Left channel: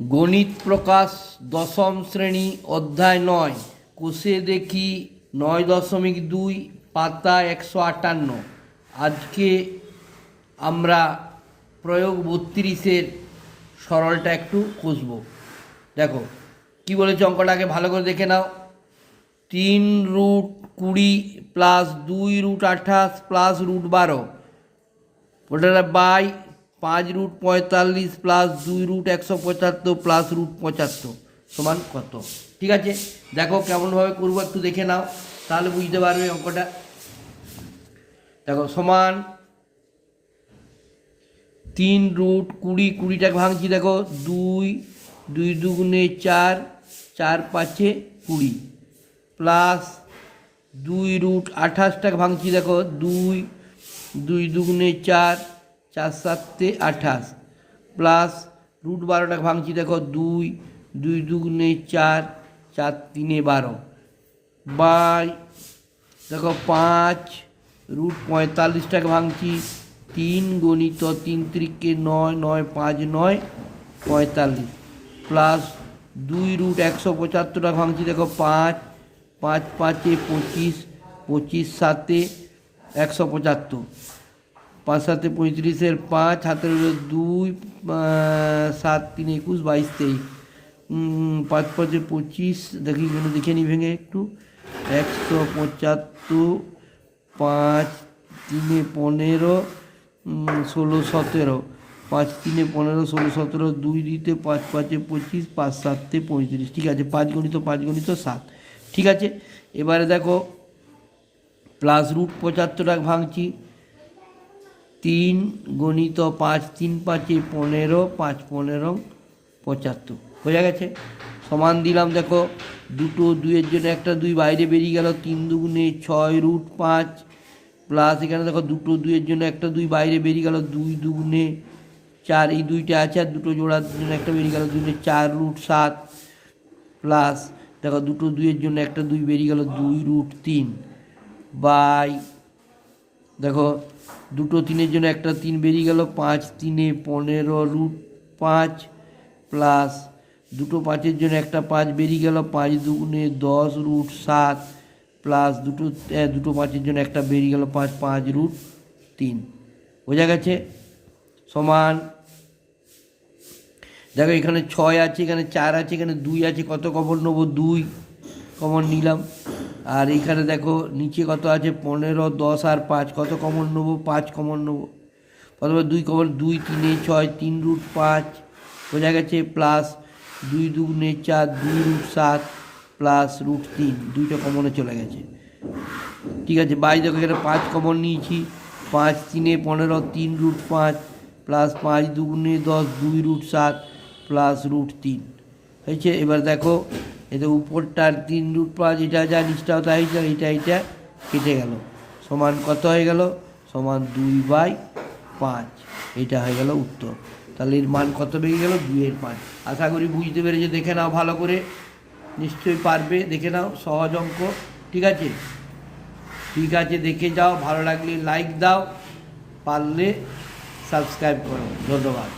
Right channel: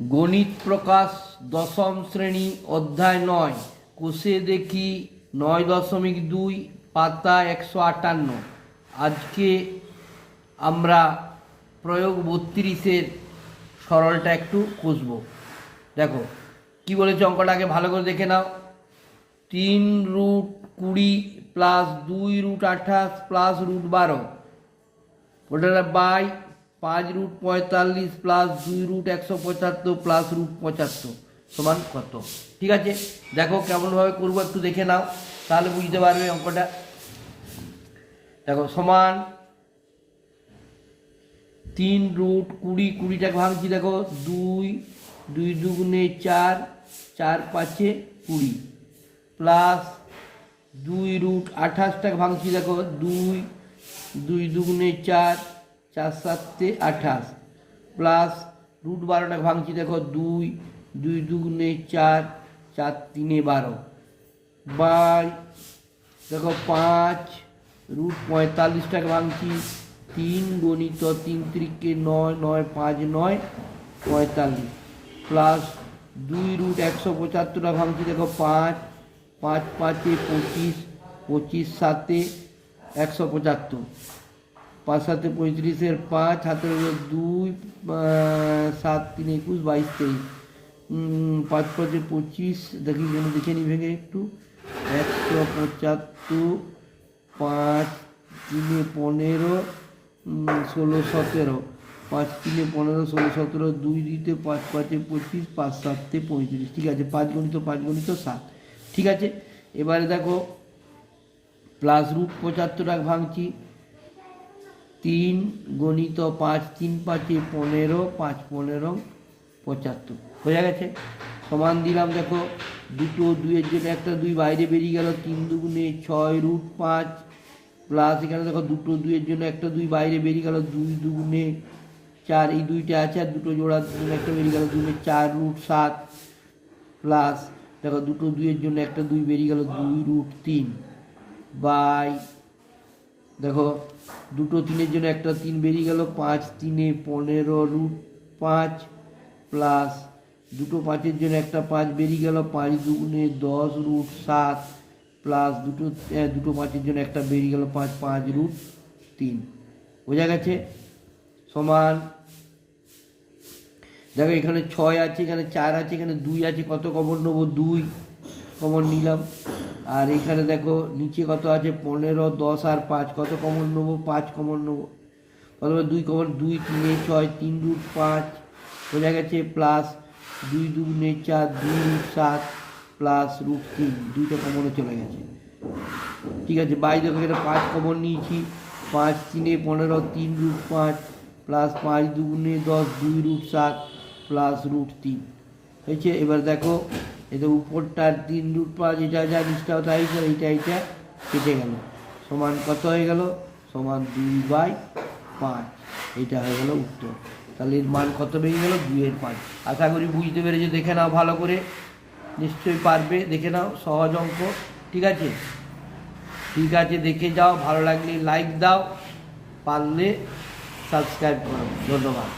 গণিত প্রকাশ দশম শ্রেণী অধ্যায় 9 কোষে দেখি 9.2 পাতা 158। আজকে আমরা প্রয়োগ 32-এর সরলটা একটু কষব। দেখো কি বলেছে অঙ্কটাকে ভালো করে দেখে নাও। 3√20 প্লাস 2√28 প্লাস √12 ওটা বাই 5√45 প্লাস 2√175 প্লাস √75 সমান কত? ঠিক আছে, দেখো কেমনভাবে করবো একটু দেখে নাও, তাহলে বুঝতে পারবে অঙ্কটা। দেখো সমান 3√20, 20টাকে ভাঙছি, দেখো 2 2 দুগুণে 4, 4 5 20 প্লাস 2√28টাকে ভাঙছি, দেখো 2 2 দুগুণে 4, 4 7 28 প্লাস √12টাকে ভাঙছি, দেখো 2 2 দুগুণে 4, 4 3 12 বাই দেখো 5√45টাকে ভাঙছি 3 গণিত 3 3 9 9 5 9 45 প্লাস 2√175টাকে ভাঙছি, দেখো 5 5 5 25 25 7 175 5 7 35 5 হাতে 2 7 3 21 22 23 5 5 25 দেখি দেখে নি ভেঙে একটু 175 5 3 15 16 17 5 3 15 16 17 2 দিতে 5 5 25 5 7 35। ঠিক আছে, 5 গণিত 7। ঠিক আছে, এবারে দেখো প্লাস √75টাকে ভাঙছি 3 গণিত 5 3 5 15 5 15 75 হয়ে গেছে। সমান দিলাম, দেখো দুটো 2-এর জন্য একটা 2 বাইরে বেরিয়ে গেল, 3 দুগুণে 6√5 প্লাস এখানে দেখো দুটো 2-এর জন্য একটা 2 বাইরে বেরিয়ে গেল, 2 দুগুণে 4, এই 2টা আছে আর দুটো জোড়ার জন্য একটা বেরিয়ে গেল 2 4√7 প্লাস দেখো দুটো 2-এর জন্য একটা 2 বেরিয়ে গেল 2√3 বাই দেখো দুটো 3-এর জন্য একটা 3 বেরিয়ে গেল 5 3 15√5 প্লাস দুটো 5-এর জন্য একটা 5 বেরিয়ে গেল 5 দুগুণে 10√7 প্লাস দুটো 5-এর জন্য একটা বেরিয়ে গেল 5 5√3 বোঝা গেছে। সমান দেখো এখানে 6 আছে, এখানে 4 আছে, এখানে 2 আছে, কত কমন নেবো? 2 কমন নিলাম। আর এখানে দেখো নিচে কত আছে? 15 10 আর 5, কত কমন নেবো? 5 কমন নেবো। প্রথমে 2 কমন, 2 3 6 3√5 বোঝা গেছে, প্লাস 2 দুগুণে 4 2√7 প্লাস √3, 2টা কমনে চলে গেছে। ঠিক আছে, বাই দেখো এখানে 5 কমন নিয়েছি, 5 3 15 3√5 প্লাস 5 দুগুণে 10 2√7 প্লাস √3 হয়েছে। এবার দেখো এটা উপরটার 3√5 এটা যা নিচটাও তাই, এটা কেটে গেল, সমান কত হয়ে গেল? সমান 2/5। এটা হয়ে গেল উত্তর। তাহলে এর মান কত বেরিয়ে গেল? 2/5। আশা করি বুঝতে পেরেছে, দেখে নাও ভালো করে, নিশ্চয়ই পারবে, দেখে নাও, সহজ অঙ্ক। ঠিক আছে, দেখে যাও, ভালো লাগলে লাইক দাও, পারলে সাবস্ক্রাইব করো। ধন্যবাদ।